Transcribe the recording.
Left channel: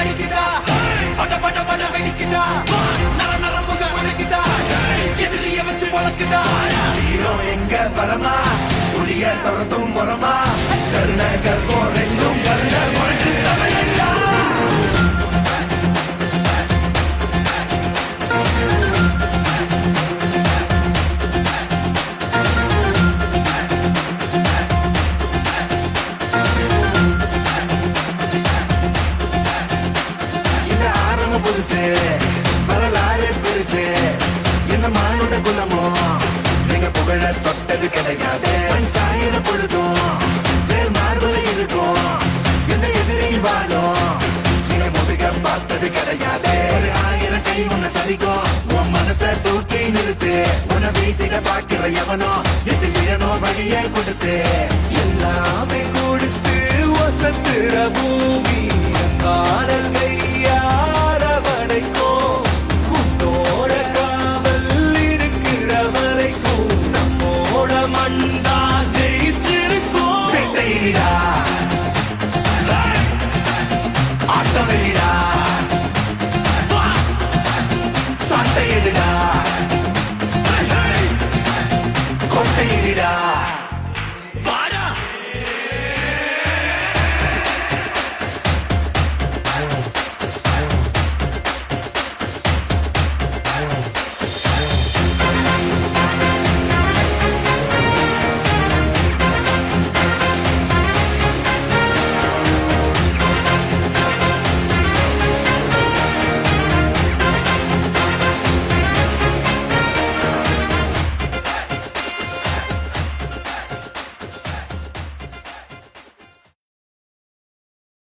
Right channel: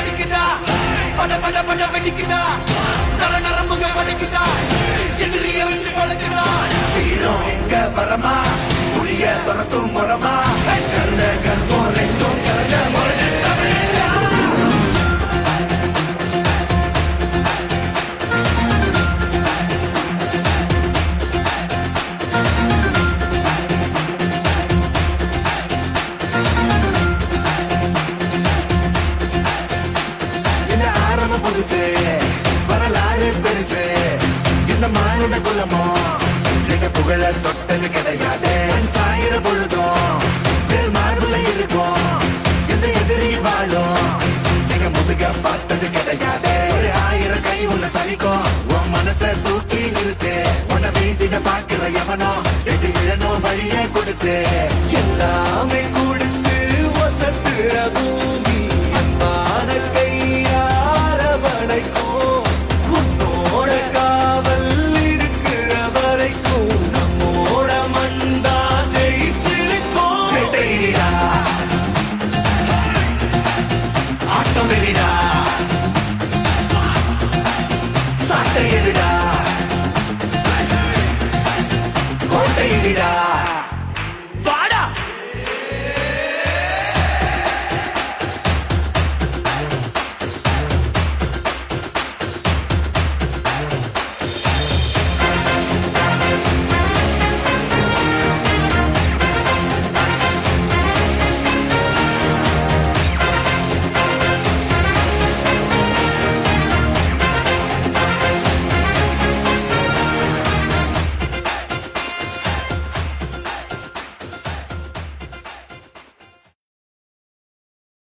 அடிக்குதா பட பட பட வெடிக்குதா நர நர முகம் அடிக்குதா எதிரிய வச்சு பழக்குதா வீரம் எங்க வரமா புளிய துரத்தும் முறமா கருண கல்பம் ரெண்டும் கருண வழக்கு தமிழண்டா புதுசு வரலாறு பெருசு என்ன மானுட குலமோ எங்க புகழ தொட்டது கிடையாது சாயிர பொழுதும் வேல் மார்புல இருக்கும் என்ன எதிரி வாழும் எங்க முதுக பார்த்தது கிடையாது 1000 கை உன்னை சரிக்கும் உன் மனச தூக்கி நிறுத்து உன்னை வீசிட பாக்குற எவனோ எது விழணும் வழிய கொடுத்து எல்லாமே கொடுத்து வசத்துற பூமி மாடல் ஆட்டம் வெறிடா